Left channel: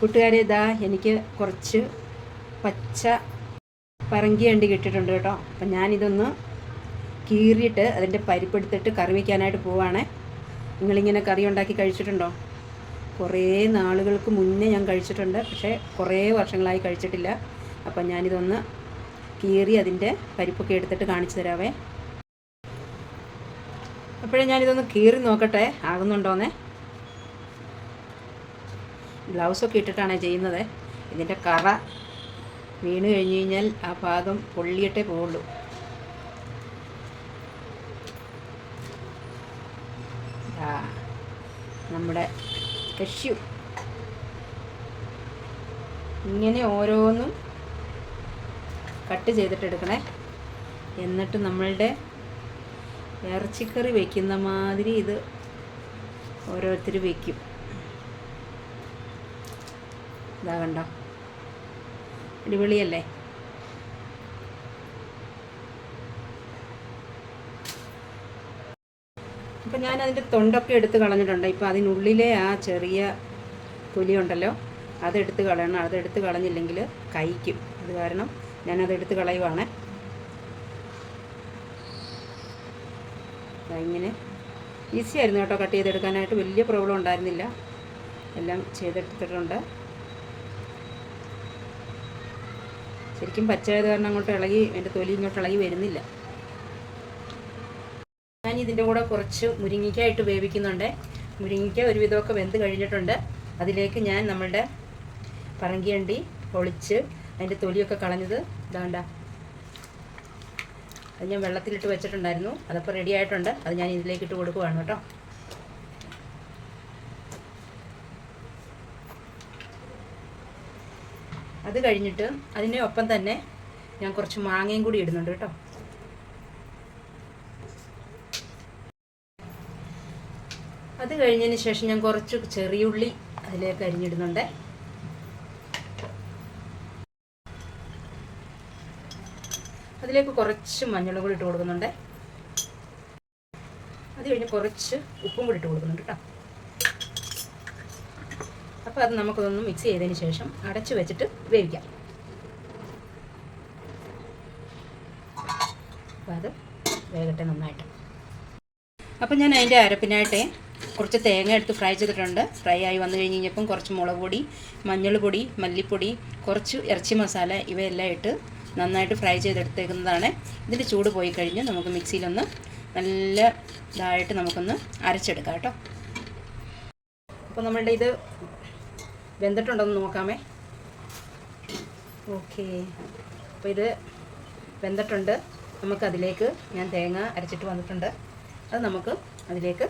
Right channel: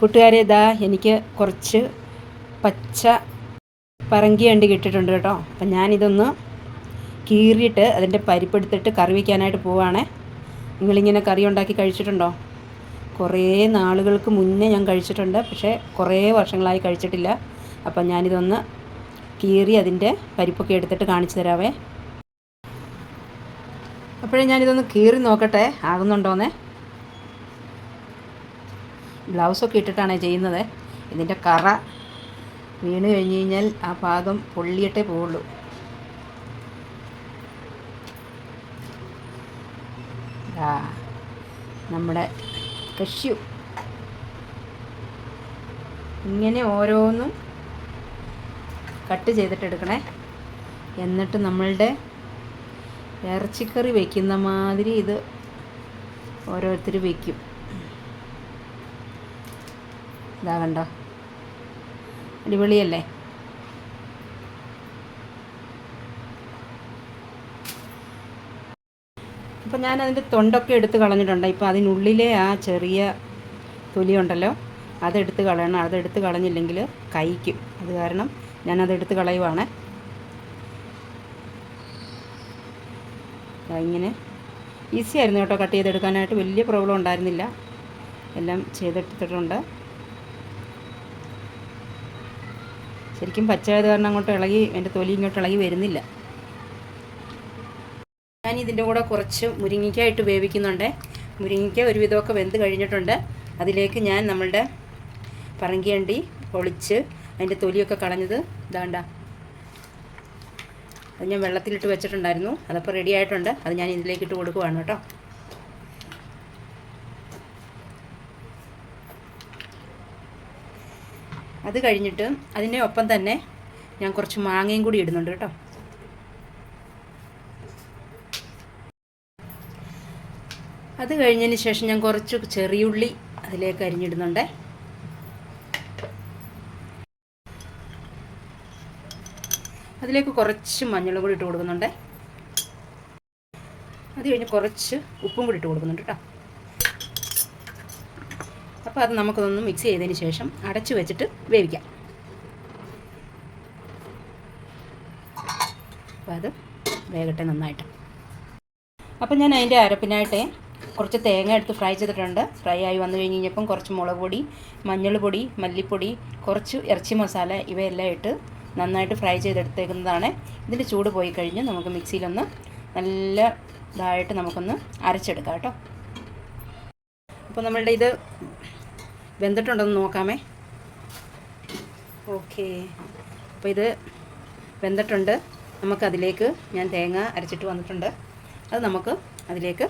കൂട്ടുകാരെ, ഇതാ എനിക്ക് കുറച്ച് പച്ച പറങ്കി അണ്ടി കിട്ടിയിട്ടുണ്ട് കേട്ടോ. അപ്പം ഞാനിതൊന്ന് കീറിയിട്ട് അതിൻ്റെ പരിപ്പെടുത്തിട്ട് കറി വയ്ക്കാനായിട്ട് പോവുകയാണേ. നിങ്ങളിങ്ങനെ കറി ഉണ്ടാക്കി കഴിച്ചിട്ടുണ്ടോ? കുറേ നാളുകൾക്ക് മുന്നേ ഞാൻ കഴിച്ചിട്ടുണ്ട്, പക്ഷേ കുറേ വർഷങ്ങളായി കഴിച്ചിട്ടില്ല. അപ്പം ഞാനിതൊന്ന് കീറി അതിൻ്റെ പരിപ്പൊക്കെ എടുത്തിട്ട് കാണിച്ചു തരാവേ. അപ്പോഴേ ഞാനിതൊന്ന് കീറി നോക്കട്ടെ ആകുന്നുണ്ടോയെന്നേ. ഗ്ലൗസൊക്കെ ഇട്ടിട്ടാണ് ചെയ്യുന്നത്. ഇതിൻ്റെ കറ വീണ് കഴിഞ്ഞ് കഴിഞ്ഞാൽ ആ ഭാഗം പൊള്ളിയിട്ടേ പോവുള്ളൂ. നമ്മുടെ കഷ്യൂ ഇങ്ങനെ ഓരോന്നും കട്ട് ചെയ്തിട്ടെടുക്കണേ. എന്നിട്ട് നമ്മളുടെ ഇറച്ചിക്കറി വയ്ക്കുന്ന മാതിരി ഇത് ഓരോരുത്തർ വയ്ക്കും. ഇതാ കണ്ടോ, അടിപൊളിയല്ലേ? അപ്പോൾ ഞാനതിൻ്റെ തൊണ്ടൊക്കെ എടുത്ത് കളഞ്ഞിട്ടുണ്ട്. ഇപ്പോൾ അതിനുള്ളിലെ ആ ചെറിയ തൊലിയുണ്ടല്ലോ, അതെടുത്ത് കളയണം. അതെടുത്ത് കളഞ്ഞില്ലെങ്കിൽ കഴിക്കും. അത് കാരണം ഞാനതെടുത്ത് കളയുവാണ്. ഇങ്ങനെ ഈസി ആയിരുന്നു കേട്ടോ കട്ട് ചെയ്തെടുക്കാനായിട്ട്. വലിയ പ്രോബ്ലം ഉണ്ടായിരുന്നില്ല. എല്ലാം ചെയ്തെടുത്തിട്ടുണ്ട്. ശരിക്കും പച്ചയായത് കാരണം അങ്ങോട്ട് ഇളകി, എൻ്റെ തൊലി ഇങ്ങോട്ട് ഇളകി വരുന്നില്ല. ഞാൻ ഇതിൻ്റെ കൂടെ കുറച്ച് മുരിങ്ങയ്ക്കായിട്ട് വേവിക്കുന്നുണ്ട്. മുരിങ്ങയ്ക്ക ഒരുവിധമൊക്കെ വെന്ത് കഴിഞ്ഞിട്ടുണ്ട്. അതിലേക്ക് ഞാൻ നമ്മളുടെ പറങ്കിയണ്ടി പൊളിച്ച് അതിൻ്റെ തൊലിയൊക്കെ കളഞ്ഞത് ഇതാണ്ട, അത് ഞാൻ വെള്ളത്തിലിട്ട് വെച്ചിട്ടുണ്ടായിരുന്നു. അതപ്പോൾ റെഡി ആയിട്ടുണ്ട്. അത് ഞാൻ ഇതിലേക്ക് ഇട്ട് കൊടുക്കുവാണ് കേട്ടോ. അത് കഴിഞ്ഞിട്ട് അതിൻ്റെ ഒപ്പം തന്നെ ഞാൻ കുറച്ച് മാങ്ങയും കൂടി ഇടുന്നുണ്ട് കേട്ടോ. അത് കഴിഞ്ഞതിന് ശേഷം ഞാൻ കുറച്ച് ചെറിയുള്ളി അതിലേക്ക് അരിഞ്ഞിടുന്നുണ്ട്. അതിലേക്ക് കുറച്ച് മഞ്ഞളും കൂടി ഇട്ട് കൊടുക്കുന്നുണ്ട്. അത് കഴിഞ്ഞ് കുറച്ച് ഉപ്പും കൂടി ഇട്ട് കൊടുക്കുന്നുണ്ട് കേട്ടോ. അപ്പോൾ അത് നമുക്കൊന്ന് മിക്സ് ചെയ്തതിന് ശേഷം അടച്ചു വെച്ചിട്ട് വേവിക്കാം. അപ്പോൾ അത് വേകട്ടെ നന്നായിട്ട്. അപ്പോൾ ഞാൻ അതിൻ്റെ അരപ്പിനായിട്ട് കുറച്ച് തേങ്ങ എടുത്ത് ഫ്രൈ ചെയ്തിട്ടുണ്ട്. ഫ്രൈ ആയി വന്നു കഴിഞ്ഞ് കഴിഞ്ഞപ്പം കുറച്ച് മുളക് പൊടി, മഞ്ഞൾ പൊടി, മല്ലിപ്പൊടി, കുറച്ച് ഇറച്ചി മസാല ഇവയെല്ലാം ഇട്ട് നന്നായിട്ട് ഫ്രൈ ചെയ്തെടുത്തേക്കുന്നതാണ്. ഇതിൻ്റെ ചൂട് പോയി കഴിഞ്ഞ് നമുക്ക് മിക്സിയിലൊന്ന് നല്ല ഇതായിട്ട് നമുക്കൊന്ന് അരച്ചെടുക്കാം കേട്ടോ. അപ്പോൾ നമ്മളുടെ ഇത് വെന്തിട്ടുണ്ടെന്ന് നോക്കാമേ. ഓക്കെ, അപ്പോൾ ഇത് വെന്തിട്ടുണ്ട്. നമുക്കതിലേക്ക് ഞാൻ തേങ്ങ അരച്ചിട്ട് വന്നിട്ടുണ്ട്. അത് നമുക്ക് അതിലേക്ക്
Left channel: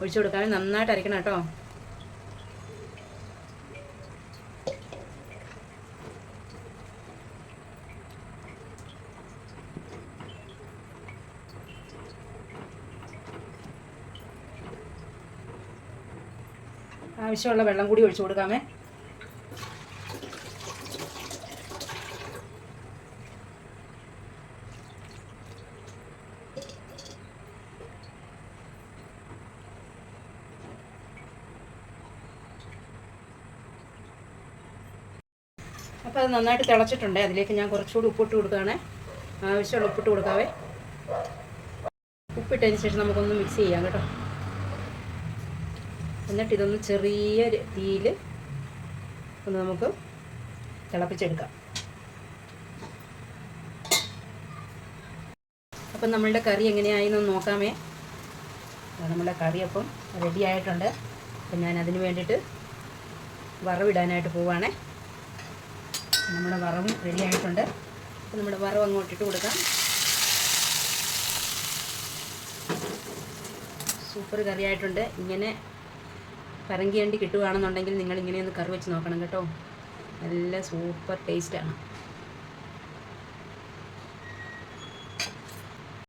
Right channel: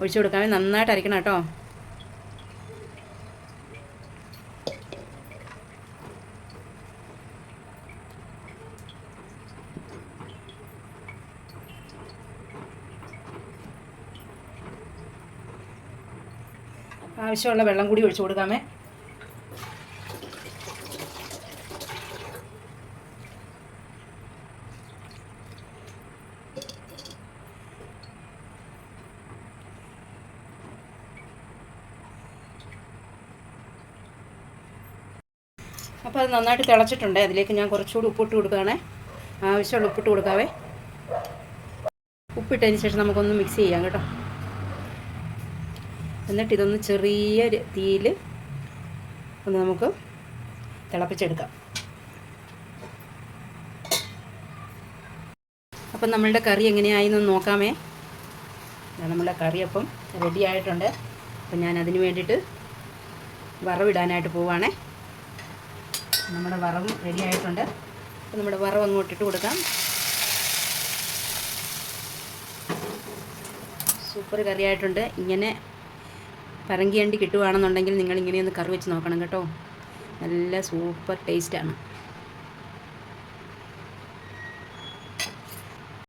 ഒഴിച്ചു കൊടുക്കാമേ. നന്നായിട്ട് അരയ്ക്കണം കേട്ടോ. ആവശ്യമുള്ള വെള്ളം കൂടി ഒഴിച്ചു കൊടുക്കാമേ. അപ്പോൾ അത് നന്നായിട്ട് തിളച്ചിട്ടുണ്ട്. അതിലേക്ക് ഞാൻ കുറച്ചുകൂടി ഉപ്പിട്ട് കൊടുക്കുകയാണേ. ആവശ്യമുള്ള ഉപ്പിട്ട് കൊടുക്കാവേ. ഉപ്പിട്ടതിന് ശേഷം നമുക്കൊന്ന് മിക്സ് ചെയ്യാം കേട്ടോ. എന്നിട്ട് ഇതൊന്ന് ചെറിയ തീയിൽ ഒന്ന് നമുക്ക് തിളപ്പിച്ചെടുക്കാം. അപ്പം നമ്മളുടെ കറി എങ്ങനെയായെന്ന് നോക്കാമേ. നമ്മളുടെ കറി അപ്പം റെഡി ആയിട്ടുണ്ട്. അപ്പം ഞാൻ അതിന് വേണ്ടിയിട്ട് വറവിടാനായിട്ട് പോവുകയാണേ. നമ്മുടെ വറവും റെഡി ആയിട്ടുണ്ട്. അപ്പം നമ്മുടെ വറവ് അങ്ങോട്ടിട്ട് കൊടുക്കാം. സൂപ്പർ കറി ആയിട്ടുണ്ട്. ഇങ്ങനെ പറങ്കിയണ്ടി കിട്ടുവാണെന്നുണ്ടെങ്കിൽ നിങ്ങൾ ഇങ്ങനെയൊന്ന് കറി വെച്ച് നോക്കണം കേട്ടോ. നല്ല സൂപ്പർ ടേസ്റ്റാണ്.